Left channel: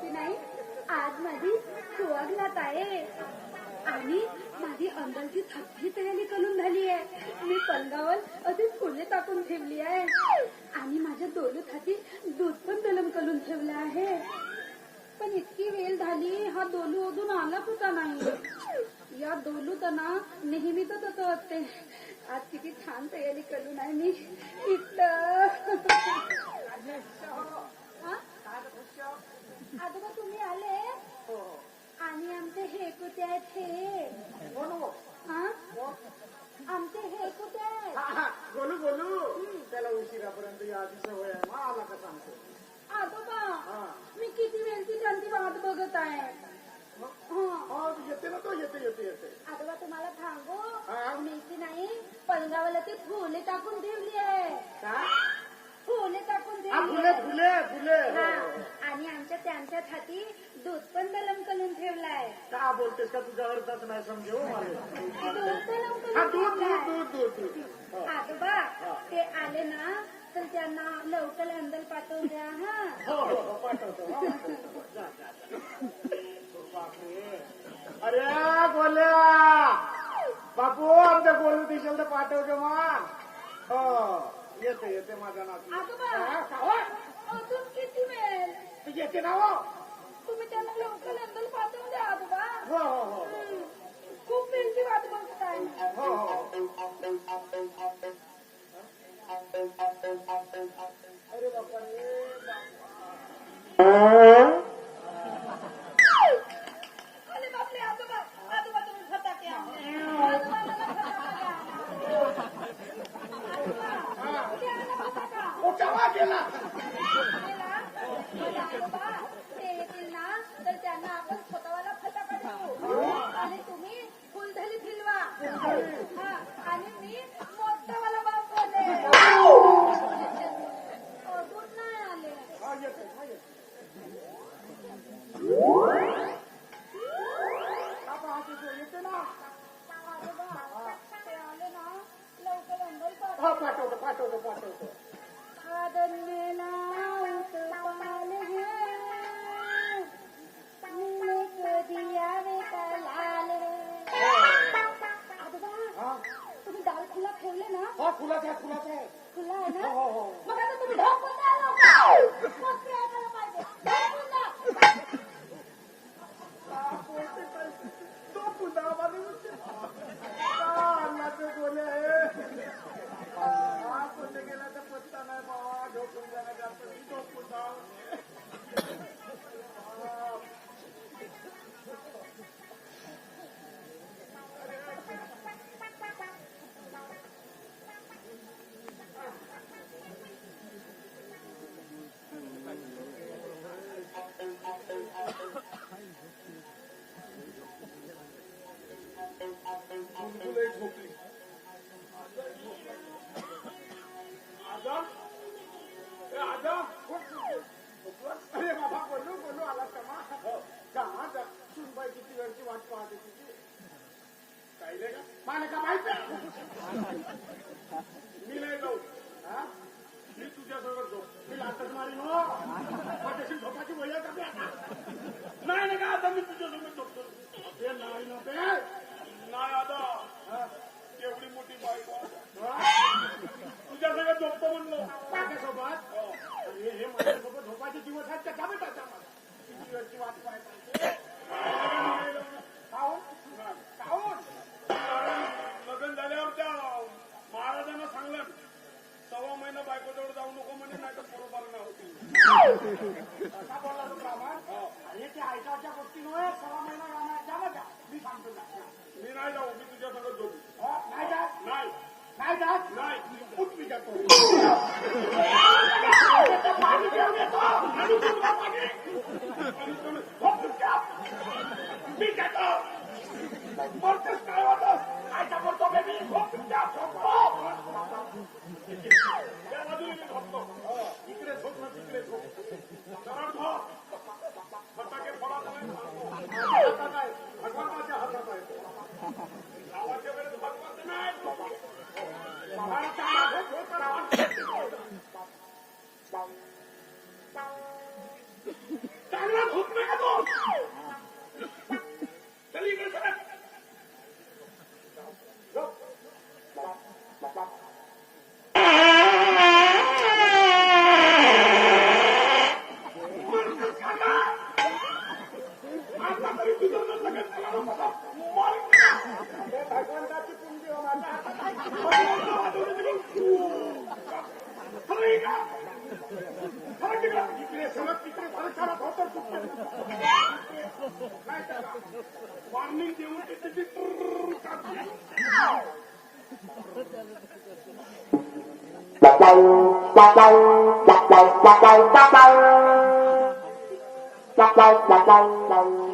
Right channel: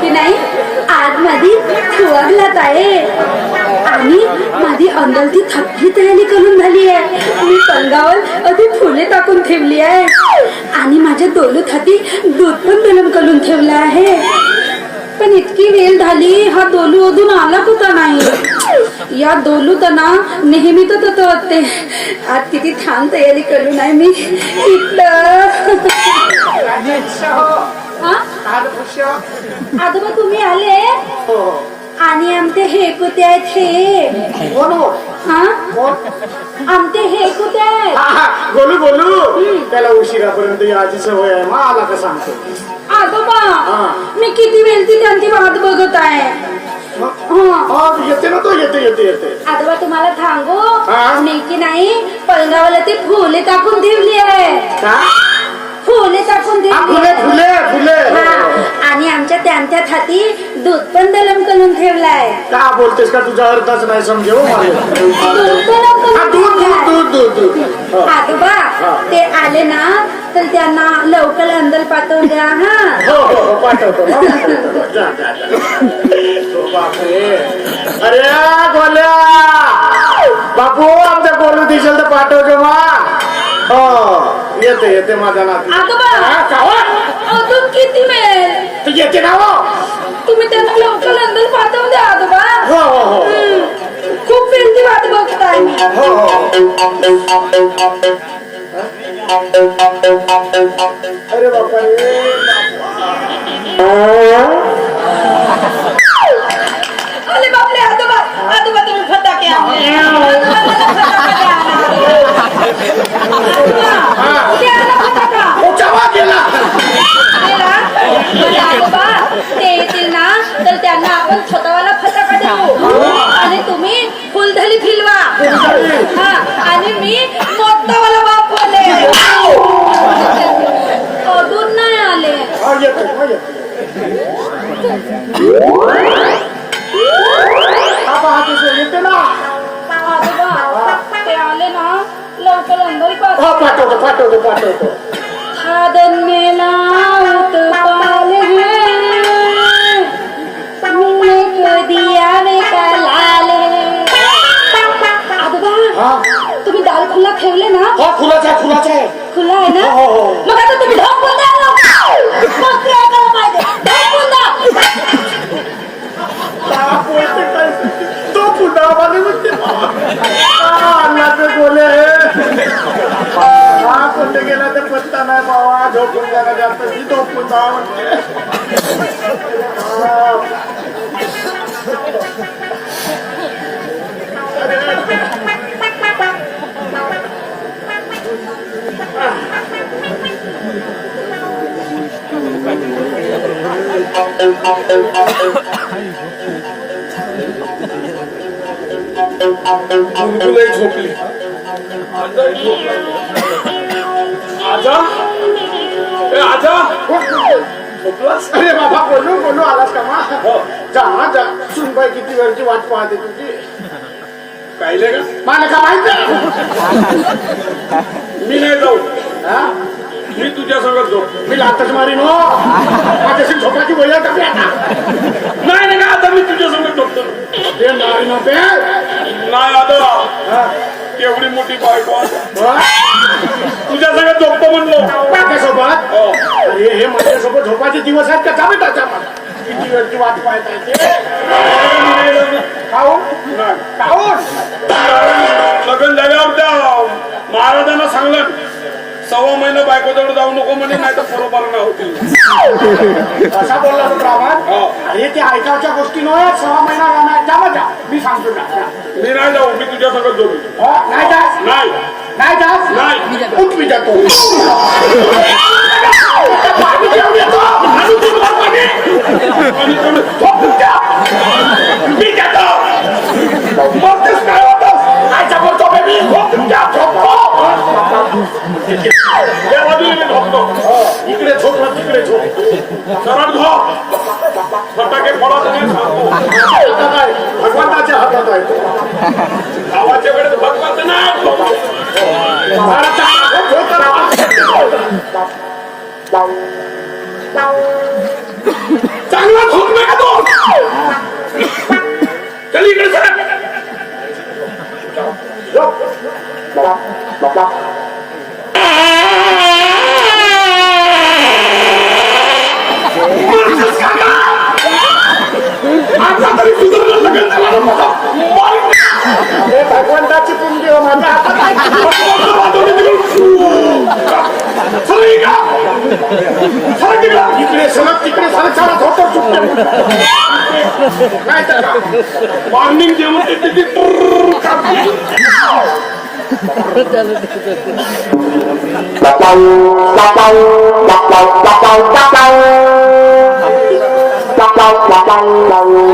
की नाही. आज माझी फुवारलात आहे. आणि माझी अंगलती थकली तयारी करून झाली आहे मी पंगावर अगदी फुले टाकून ठेवली आहे. आणि माझ्या दोलूत हाती दूध पण गरम करून ठेवलं आहे. पण इतकी वेळ झाली हा दोलू अजून आला होता नाही? या दोलू तर ना नेहमी तर तसं वाटते. आज किती छान तयारी करून आहे मी. इथलं आजोबा तुम्ही आले? आणि आमचे हे कुठे आहेत हे. हा? आमचे हे आहेत. बोलू बोलू. त्याला उशिरापर्यंत याची सवय आहे. मग आला का सांगतो. आजोबा हा. मी किती वेळची त्यांची वाट बघत आहे. हा. हा येते ना तो येते येते येते. आजोबा तुम्हाला सांगू हा? मी की नाही पलंगावाला ते फुले टाकून ठेवली आहे. फुले. फुले आणि आमच्या त्यांच्या हाती दूध पण दलम करून ठेवलाय. का बोलतेस का? तुझा अर्थच नाही समजेव हा, करून दूध ठेवलाय. दूध दूध दूध. दूध. आजोबा ते आले ना तर त्यांना लवकर अंदर पाठवून द्या हा. हो हो पाठवतो अरे गोल्या बापू आमच्या बोलू दिसेल तर पाठवतो मा. येते येते माझा नाती. आजोबा हा, का हो? अजून किती वेळ? तू येते ना हो? तुम्ही त्यांना लवकर अंदर पाठवून द्या आजोबा हो हो हो. हम्म. खूप वेळची वाट बघताय. मी हो हो. अरे बापा रे पाठवतो पाठवतो खादन में लाउत पाले हैं तुमने को दिया वे का लाले आजोबा हा तुम्ही दाल खुला ठेवले ना हा फुलाचा आहे फुलाचा आहे खुला आहे ना हो, हो, हो. मग आता तुम्ही ढोक बंद मग काय करायला पाहिजे ढोक बंद हा, बोलते काय? तो पुन्हा आम्हाला म्हणते हा, अण्णाचे बोले हा कुठे गेला तर पत्ता नाही बाबा. झोपून जागा जास्त. मी झोपून जा म्हणते. झोपली. आजा? ए आजा? झोपलास अरे बाबा बोलू बोलू आलास का मा जा जा. सुनबाई किती वेळची वाट पाहते तुझी पाहिले का? मला का माहीत मी नाही जाऊ. हा? मी तुझ्या संगत झोप मी लातच मारीन हो. माझ्याशी झोपाची आहे का बे आता? नाही नाही आता मी तुझ्या संगत झोपतो ते मारीन हो बे. नाही आता. हा. एवढी मोठी बायको आता. हा? तुझ्या संगत झोपतो म्हणलो. माझ्यासोबत? हो. अरे हे माझ्यासोबत झोपाचे दिवस आहेत का? जावे त्याच्या किती वेळची वाट पाहत आहे ते? लग्न झाल्यावर त्या महाराजांना सांगलं सव्वा महिना बायकोजवळ जाऊ नको म्हणे नाही तर बरोबर ना होतील. असा बोलला तो ब्राह्मण हो. अरे ते ऐकावच्या गोष्टी नव्हे. सहा महिना राहणार जा जा. मी सांगतो जा, जा. मी नाही जाऊ. मी तुझ्या संगत झोपी हो, नाही जास नाही. नाही जास नाही उठ मी जातो पाणी घेऊन येतो. आणू तू मला पाणी. आणि कोण- झोपून जा. मी जातो. मरतेस या बाजूला इकडे झोप ना तिकडे झोप सरळ झोप फटाके पडत नाही भगवंताच्या हातात आहे गावाच्या वेळेस भगवंत नाही चांगला झोप नाही तो चल. इकडे सर 원다치 뿜기가 맞아. 소리가 사람들이랑 이끌에 서막 이끌에 사는 사람 더떡 죽게 나이다가 왕님 되면 뜨뜨뜨 뿌르르 갑니 빠빵 빠빵 빠빵 빠빵 빠빵 빠빵 빠빵 빠빵 빠빵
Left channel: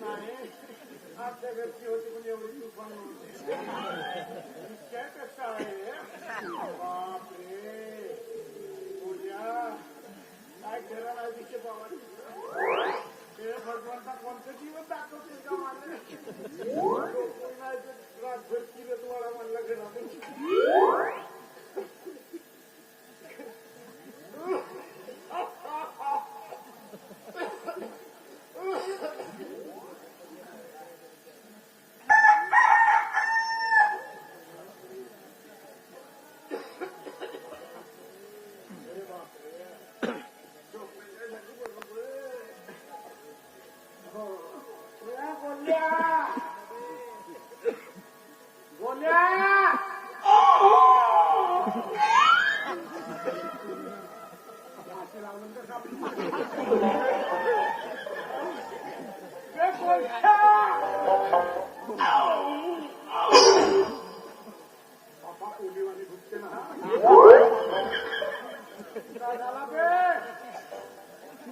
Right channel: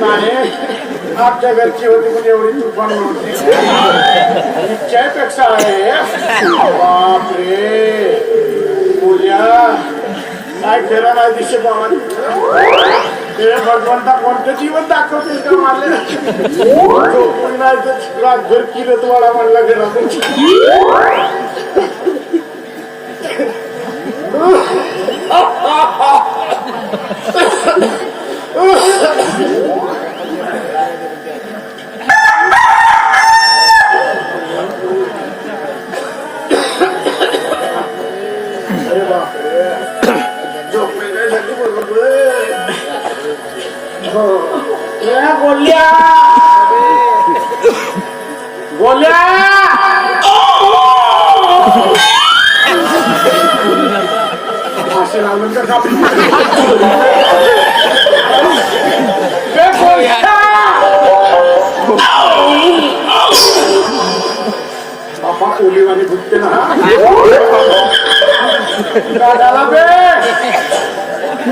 नाही आमच्या घरची होती पण एवढी तुफान नव्हती. पेक्षा आहे. बापरे. पूजा काय फेरा नाही दिसत आम्हाला. ते भगवंता कोणतं जीवन दाखवते का मारले नाही तर रातभर किरत वाडा म्हणला घरा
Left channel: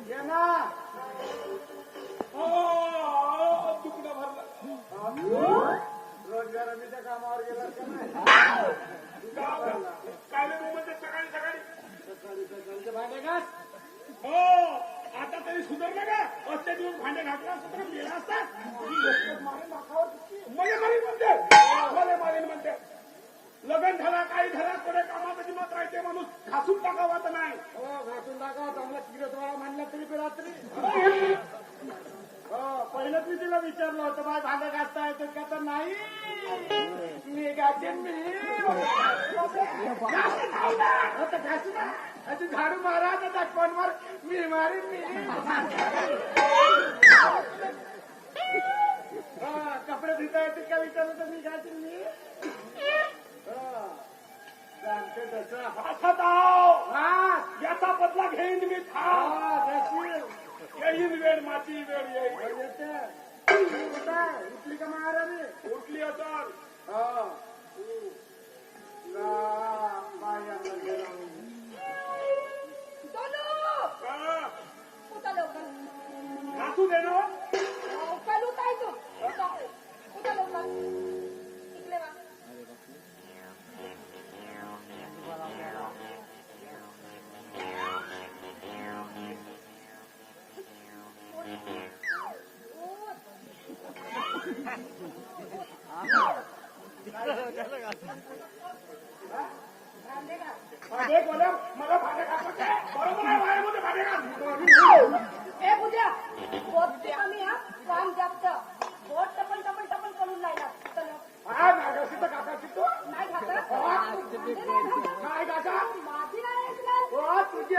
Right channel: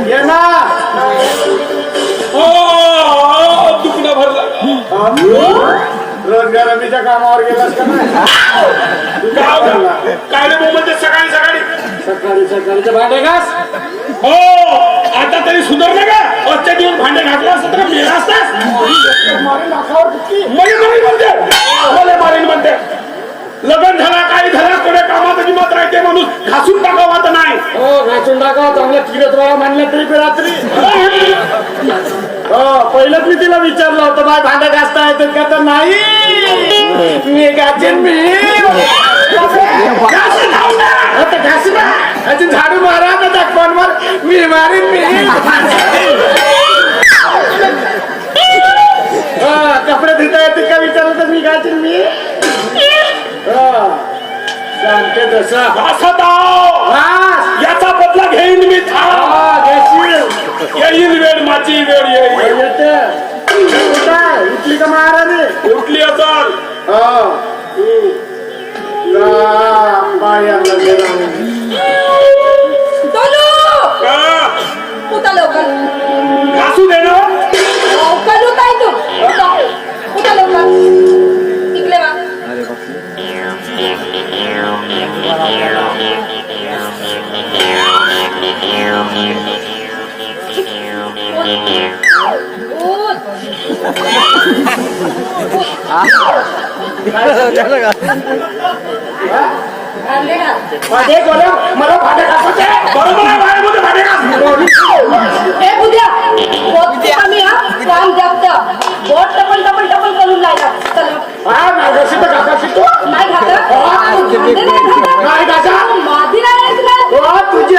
ये ना तुकडा भरला रोजगार हमीच्या कामावर गेलास का नाही काय रे मुंबईत सकाळी सकाळी सकाळी सकाळीचे भांडे घास हो आता तरी सुधारलं का आजच्या दिवस भांडे घातलं असतं तर मेला असतास मला मारीन म्हणते. मला मारीन म्हणते. लग्न झाला काही झाला कोणी कामात निमत राहते माणूस घासून टाकावा तर नाही. हो घासून टाकावा चांगला किरत राहा म्हणलं तरी रात्री. हो पहिलं मी तिला विचारलं होतं बाय भांडा घासता येतात का? तर नाही. मी गाचेन मी. झाडू मारा ना दाखवांवर. मी मारीन मी. कपडे धुता येते का विचारलं तर मी गाचेन मी. जाणते तसा असा दाव याचा बदला घेईन मी येईल वेळ माझी वेळ येईल. उठली का महाराज उठली असाल हा. काम जास्त. बोट टपल टपल टपल करून लायला नाही घासी तर. नाही घासा. नाही तुझी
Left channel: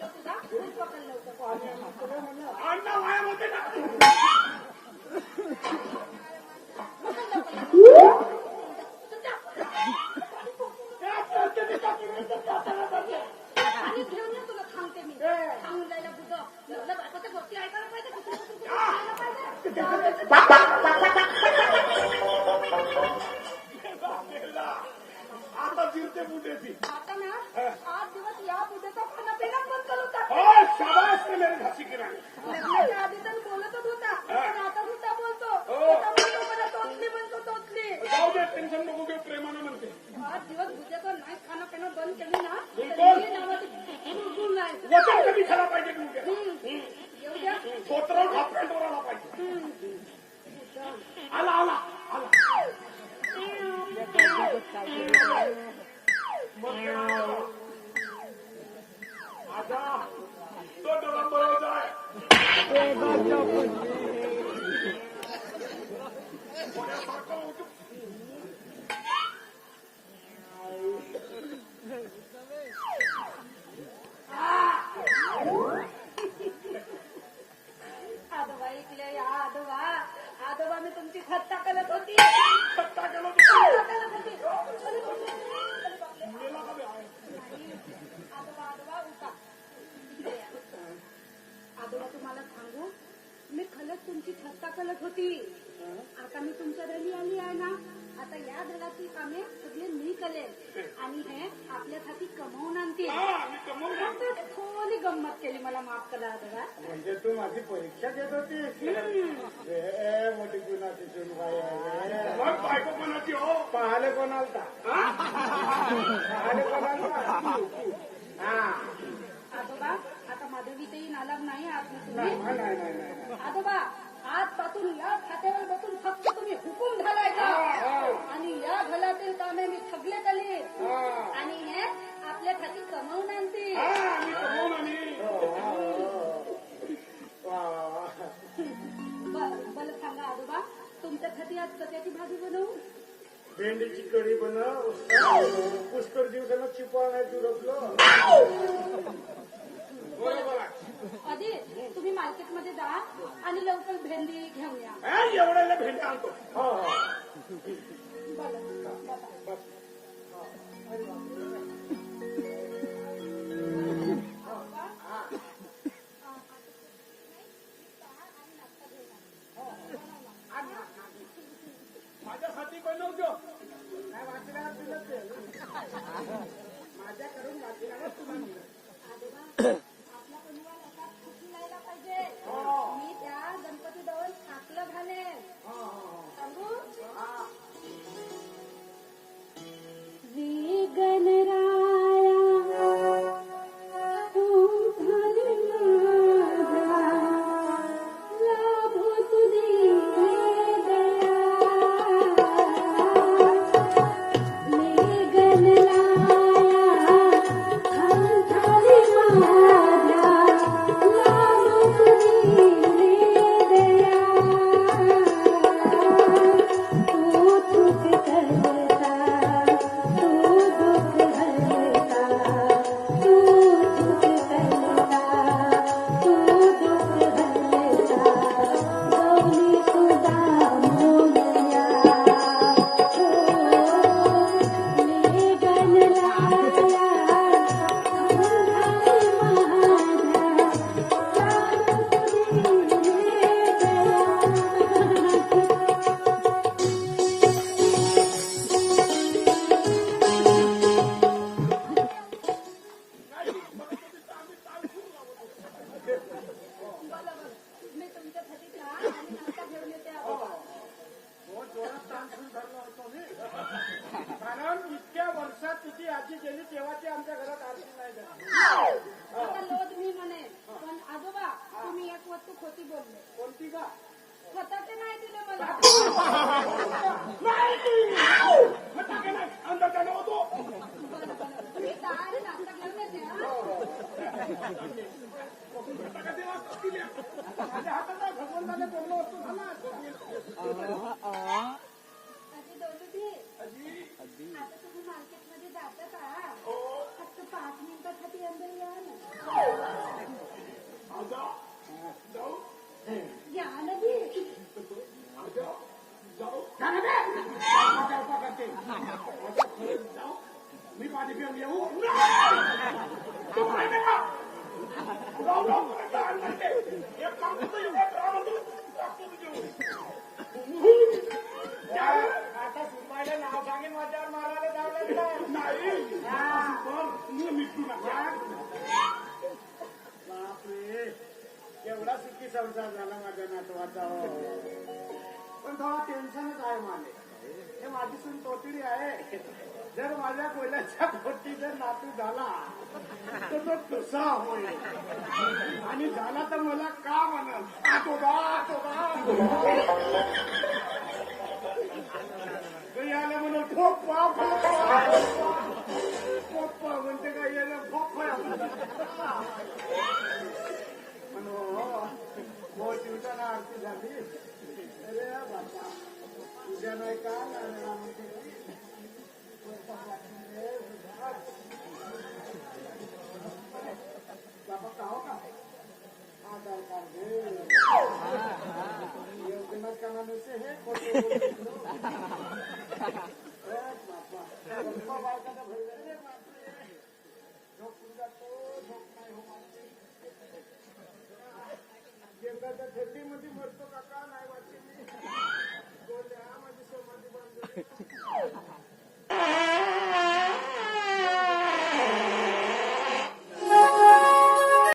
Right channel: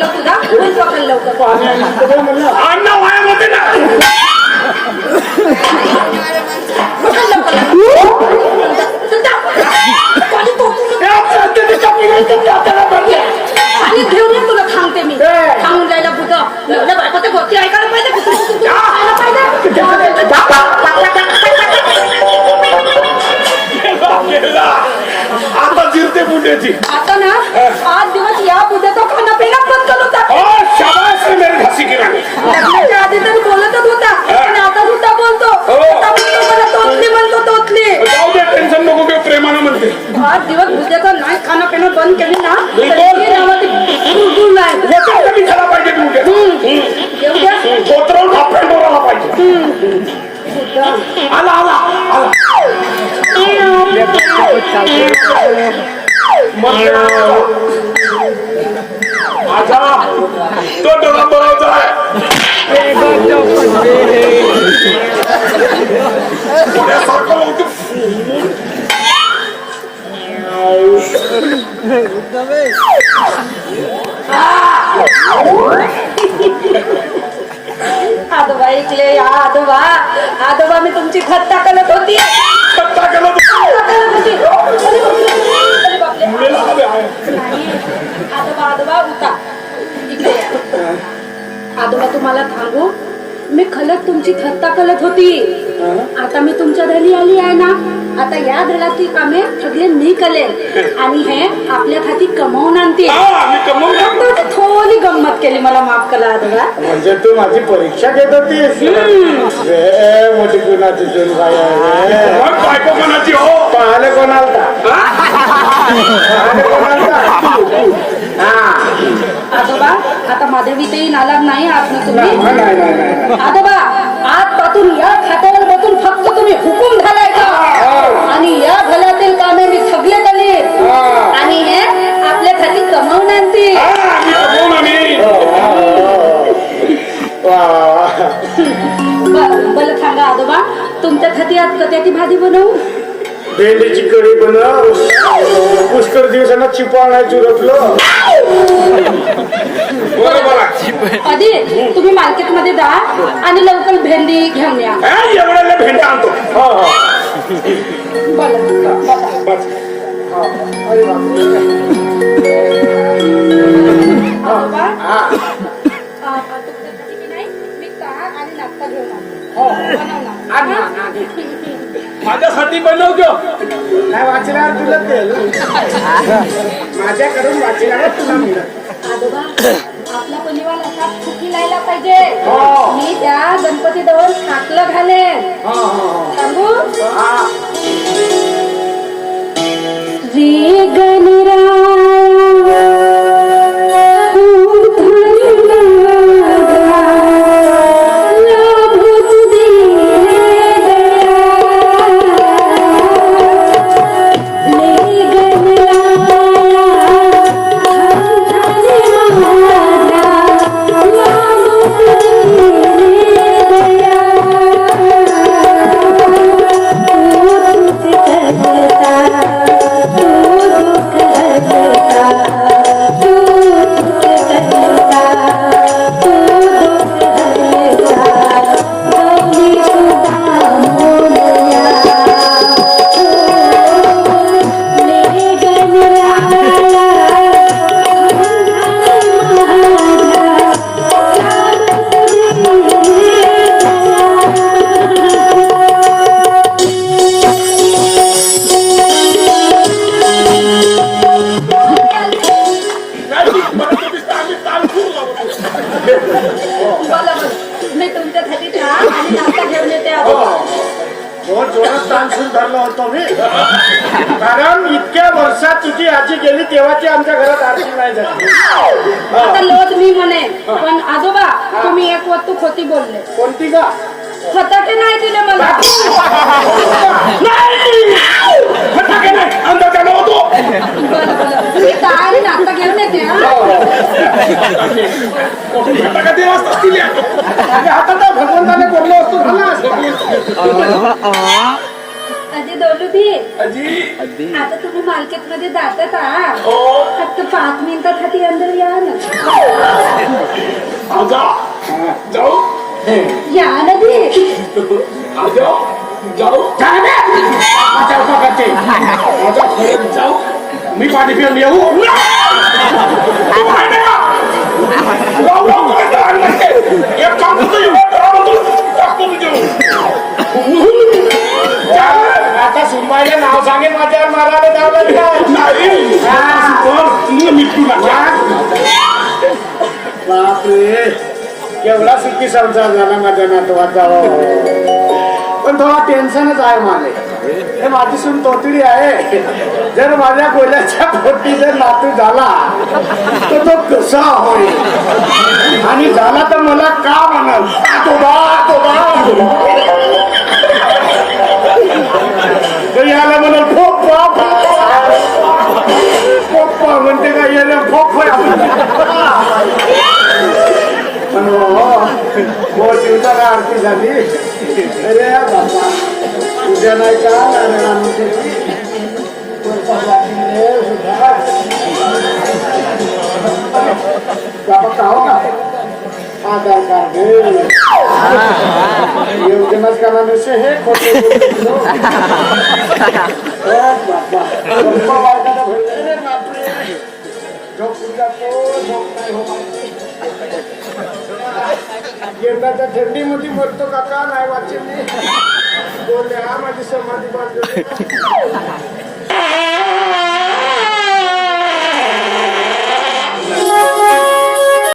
पाहून राहिलो तुझा फुल पकड लवकर अण्णा वायामध्ये ना पकड लवकर चल, जा. पाणी टोचून पाणी घेऊन ये तुला सांगते मी सांगून जायला बुद्ध नवऱ्या बायकोच्या गोष्टी ऐकायला पाहिजे कुठं कुठं कुठं ऐकायला पाहिजे गेला. आता जिरते बुंड्याची आता ना म्हणते आठ दिवस बुद्धाचा नाही खाणं पिणं बंद केली ना तर ही। नावाची गुळगुळ नाही होतं कमी झाला पाहिजे तू उद्या येऊ द्या पोतरावून हात पेंडोराला पाहिजे आला आला आला। होती केलं थट्टा करत होती. आजोबा आजोबा उठा इकडे. आजोबा तुम्हाला सांगू मी खलत तुमची थट्टा करत होती. आता मी तुमच्या घरी आली आहे ना? आता या घराची कामे सगळे मी करेल आणि हे आपल्या खाती कमावून आणते. कमवून थोडी गंमत केली? मला माफ करा म्हणजे तू माझी परीक्षा घेत होतीस? रे मोठी कुणाची सून बाई आहे रे. मग बायको कोणाची हो? पाहायला कोणाला? हा? आजोबा आता नालाग नाही आहात ना तुम्ही? नाही नाही नाही नाही. आजोबा आजपासून या खात्यावर बसून फक्त तुम्ही हुकूम घालायचा आणि या घरातील कामे मी सगळे केले. आणि हे आपल्यासाठी कमावून आणते हा, तुमच्यासाठी आज कट्याची भाजी बनवू भेंडीची कढी बनव पुष्कळ दिवसांना चिपाळ नाही चुरपलो बरं आधी तुम्ही मार्केटमध्ये जा आणि लवकर भेंडी घेऊन या हा, एवढ्याला आणतो हो हो बोला बोला. बस. हा. अरे बापरे. आजोबा, हा. आ, तुमच्यासाठी की नाही, मी ताक आणि नाश्ता घेऊन आले. हो. बनवणार. माझ्यासाठी बनवतो नाही वाचल्यावर तुला तेल माझ्याकडून वाचल्यावर तुला मिळत आजोबा आपला परिवार असा सुखी राहायला पाहिजे. हो. मी त्या गणपती जवळ जोरात ताण धरला होतो मी. कारण इतक्या वर्षात तुझी आजी गेली तेव्हाची आमच्या घरात आरती नाही झाली. आता लोट मी म्हणे पण आजोबा तुम्ही एक वस्तू खोटी बोलले. कोणती का? फटाके नाही दिले मला. नाही! फटाके नाही, होतो. मी चहा आणि नाश्ता घेऊन येते हा. फटाका ते असतील या. आणि आता तर भगवंताने बोललो असतो झाला असता. अजी दोलूदी आजी आता तुम्ही मार्केटमध्ये जातात आहात हो फक्त पाच मिनिटासाठी अंदर या ना आ, जाऊ या ना दी आ, जाऊ जाऊ जा बे. माझ्या उपा जाऊ मी पाणी पिऊन येऊ तू माहिती का? लाव, लाव, एक काम करतो, टाकतो आता सुनबाईला नाव सांगेन माझ्यावर मारायला जावं लागलं. नाही हा. वर, तुला बापरे केवढा सुखी संसार झाला माझ्या नातवाचा पण थोडा टेन्शनच आहे मला हे माझी सून तोतडी आहे. जर माझ्या कोल्याच्या पोटी जर नातू झाला तर तो कसा होईल? आणि झाला तर मला का म्हणाल? तो बा तो बा तर याला म्हणाल फोप्पा फोप्पा म्हणते का याला फोप पण हो हो, हो दिवसाला आरती झाली. अरे बाबा तुझ्या नाही का? नारायणामध्ये बाबा का हो का? आधार कार्ड योजनाच करा नसे हे खोटे बोलतो. थंडीमध्ये मरतो काका नाही वाचेल बोलले हा माझी समाधी बांधली